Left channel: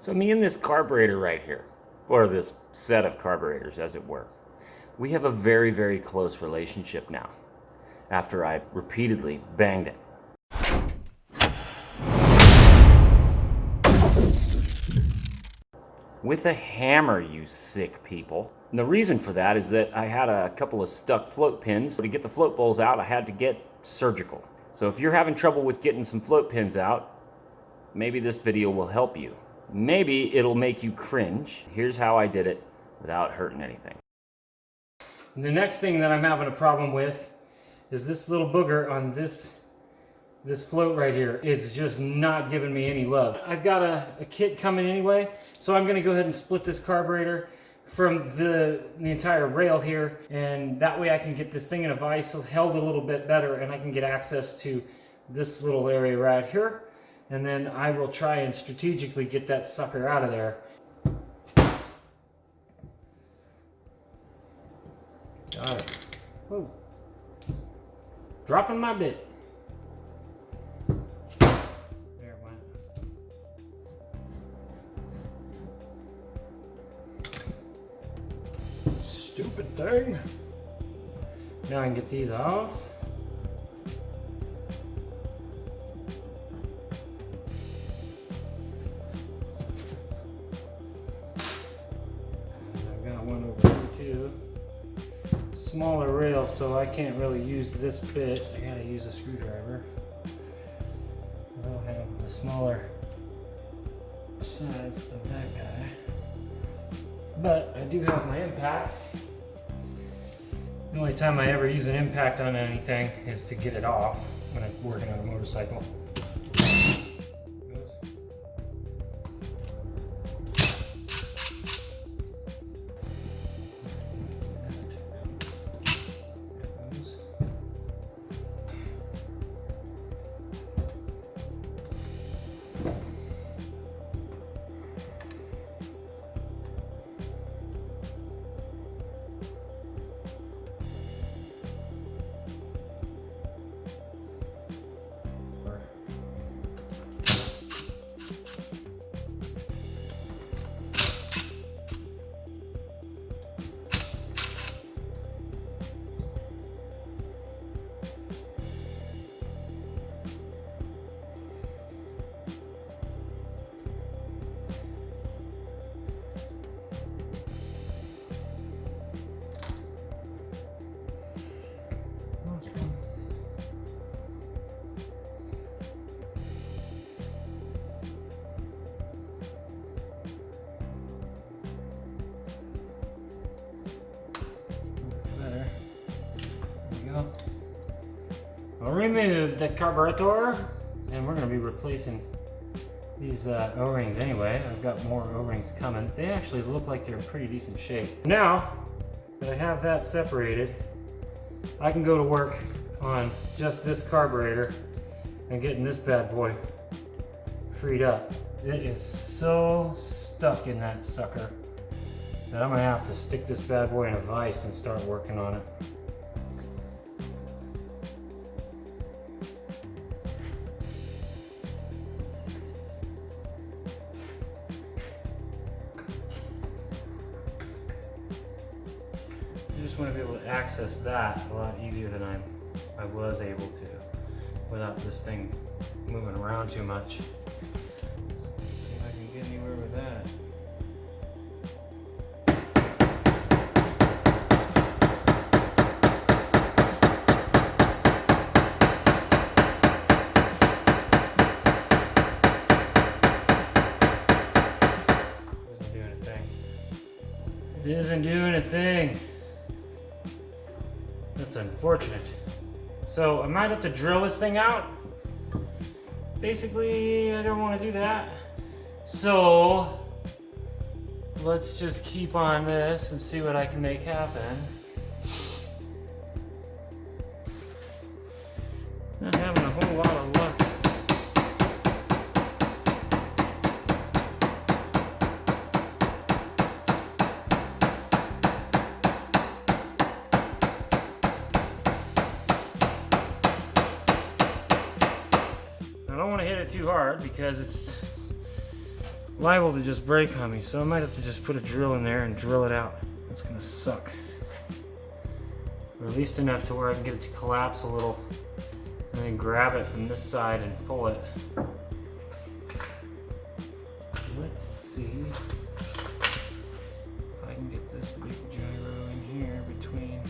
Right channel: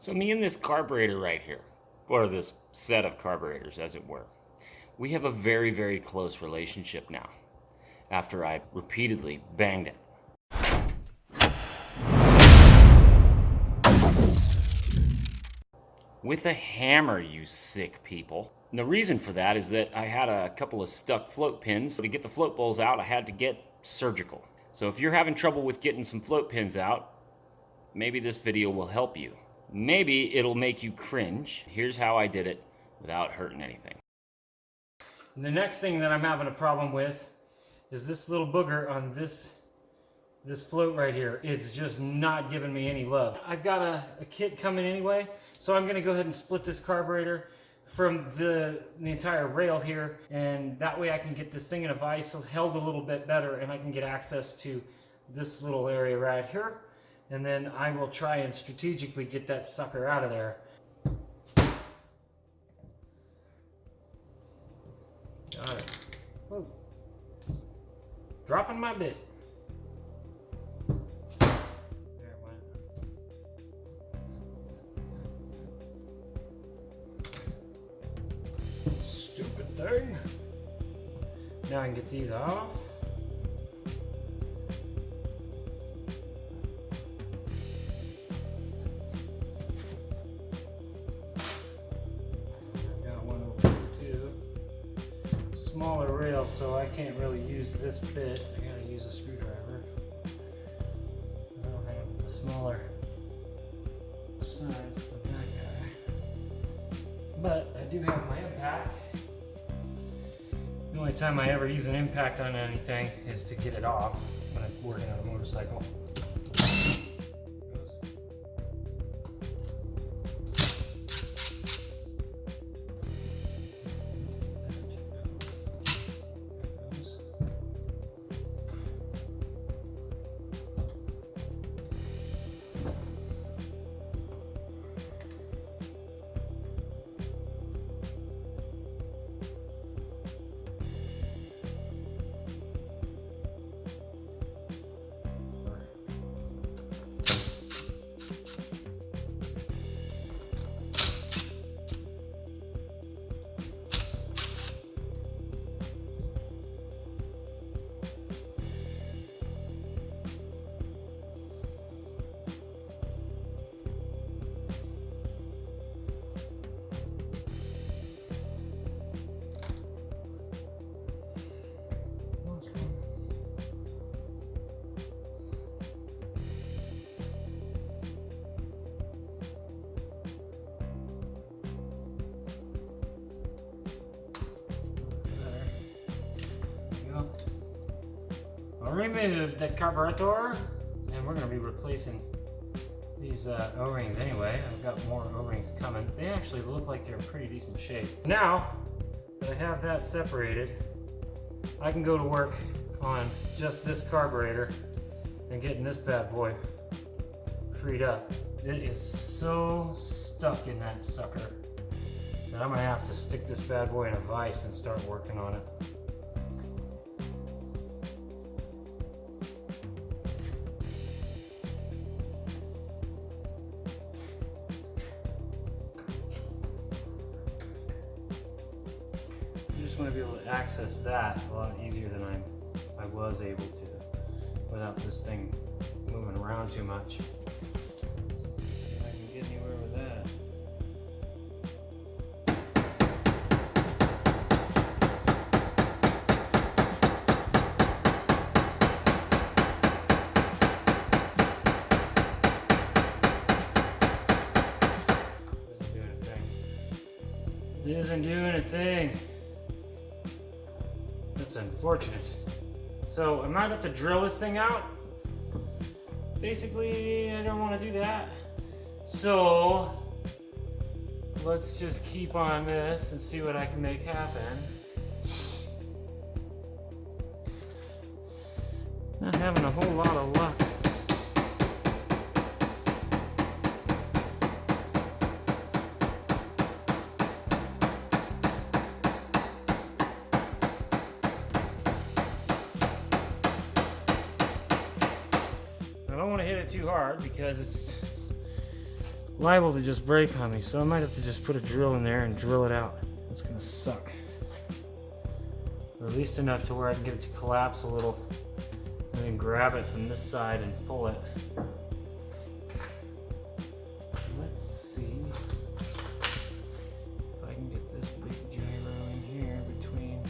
So me and this carburetor right here, or this set of carburetors as it were, we have a very, very close relationship now after I repeatedly banged it. With a hammer, you sick people. And the reason for that is that I had a couple of stuck float pins. To get the float bowls out, I had to get surgical. So if you're having trouble with getting some float pins out, maybe this video will help you. Maybe it'll make you cringe. Here's how I did it without hurting anything. And the next thing that I'm having a problem with is this little booger on this float right here. It's just not giving me any love. I've got a kit coming anyway, so I'm gonna go ahead and split this carburetor from the entire rail here, and that way I can get this thing in a vise held a little bit better, and I can get access to this little area right here. And then I will try and strategically get that sucker out of there. Got it. Whoa. Dropping my bit. There it went. Stupid thing. Now I can get these off. Smaller rail, so I can't really use this bit. I gotta use a screwdriver. I don't have the smaller size of that guy, but I do have my impact. The only time I ever use an impact on anything is to get it off when I'm working on a motorcycle. I'll remove the carburetor, and we're going to be replacing these O-rings anyway. I've got more O-rings coming. They actually look like they're in pretty decent shape. Now that I have that separated, I can go to work on just this carburetor and getting this bad boy freed up. It is so stuck in that sucker that I'm going to have to stick this bad boy in a vise and start working on it. I just want to be able to access that a lot easier than I was able to without this thing moving around too much. So let's see if I can get anywhere with that. It isn't doing a thing. That's unfortunate. So I might have to drill this thing out. Basically, I don't want to do that. So let's just keep on this and see what I can make happen. Not having a whole lot of luck. I don't want to hit it too hard because it's liable to just break on me, so I might have to just put a drill in there and drill it out. It's gonna suck. Or at least enough to where I can get it to collapse a little and then grab it from this side and pull it. Let's see if I can get this big gyro in here between.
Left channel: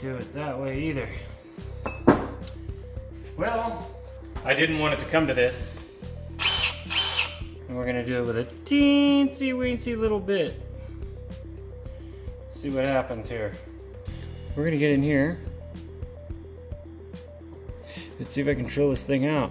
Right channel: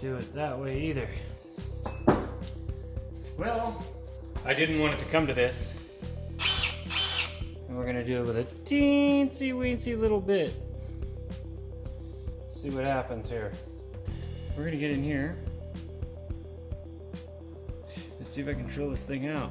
Do it that way either. Well, I didn't want it to come to this. And we're gonna do it with a teensy weensy little bit. See what happens here. We're gonna get in here. Let's see if I can drill this thing out.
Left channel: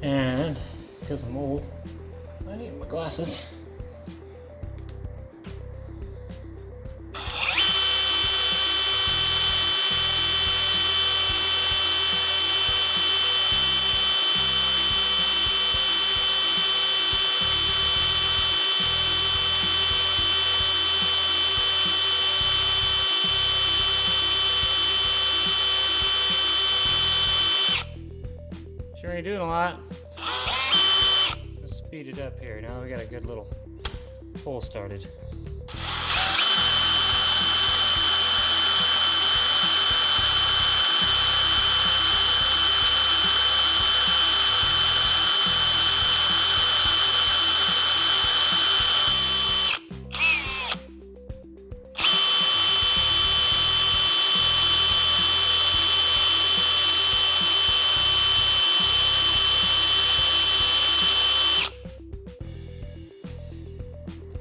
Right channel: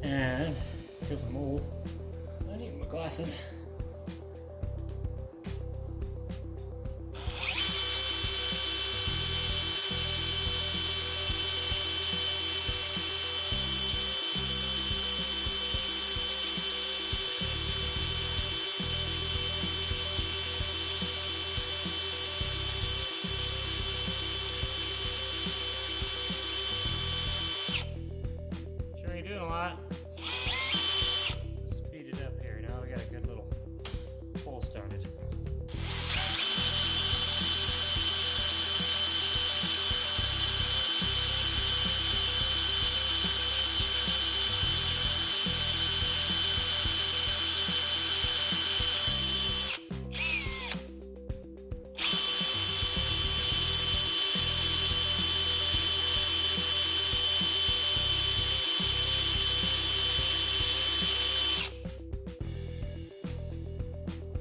And because I'm old, I need my glasses. Sure ain't doing a lot. Let's speed it up here. Now we got a good little hole started.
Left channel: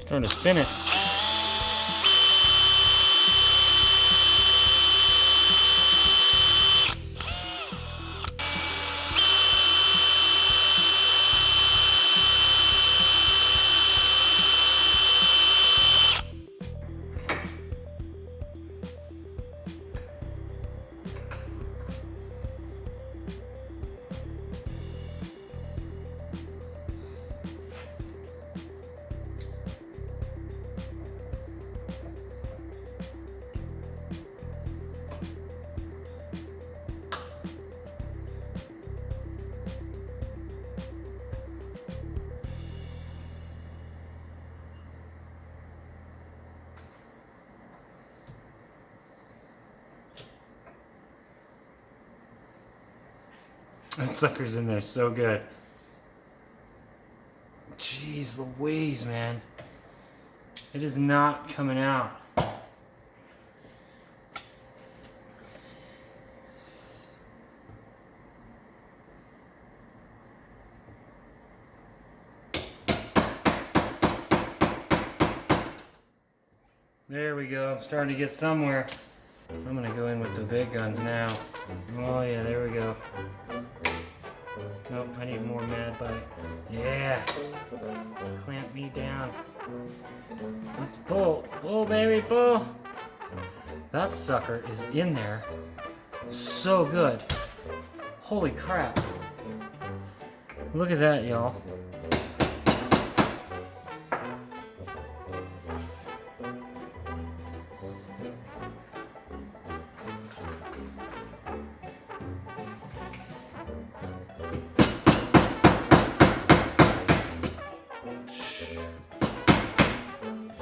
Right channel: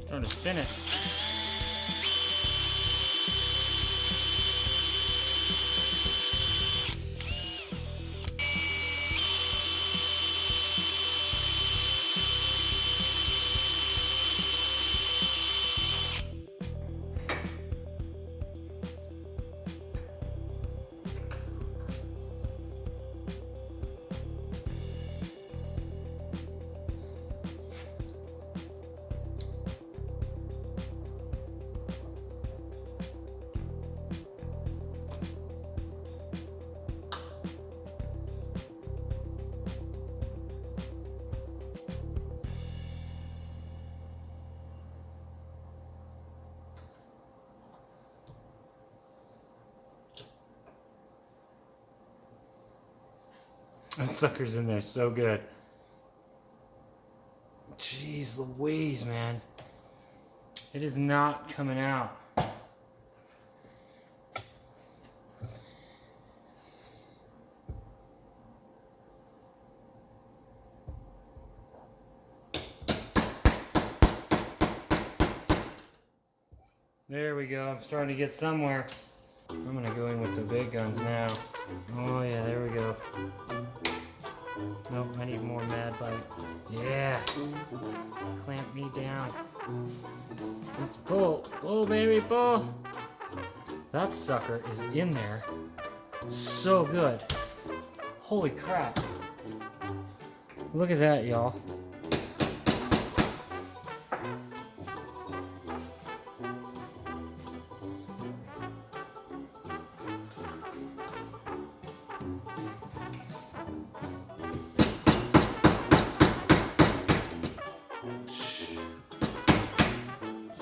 Trying to spin it. That sucker's in there so good. Jeez Louise, man. It is not coming out. There we go. I'm starting to get somewhere. I'm gonna go in with the big guns now. Oh yeah, there we go. Nope, I need more mad bite. Yeah. Clamp me down. Let's pull. Pull, baby, pull. That sucker is in there. So good. Holy crap. Look at that, y'all.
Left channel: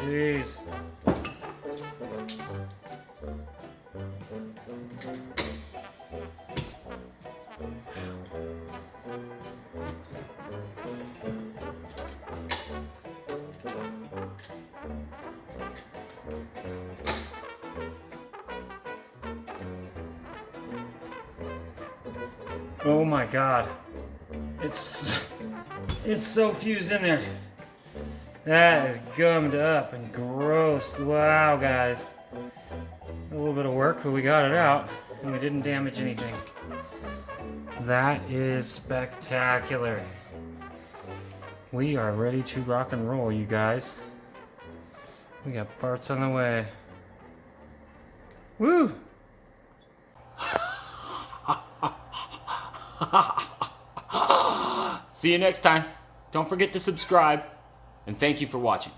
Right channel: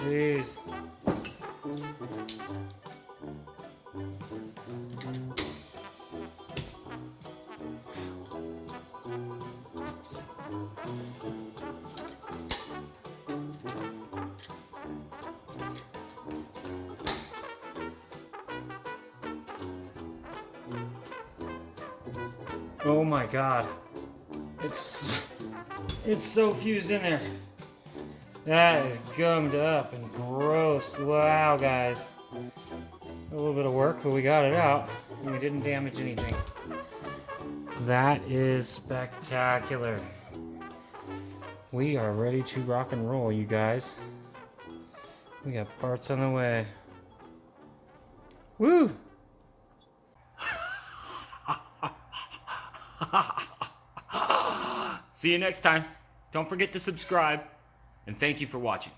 Jeez. Oh my God. It's so fused in there. That is gummed up and gross. Wow, guys. A little bit of work, but we got it out, and we didn't damage anything. That is spectacular. We are ready to rock and roll, you guys. We got parts on the way. Woo! See you next time. Don't forget to subscribe, and thank you for watching.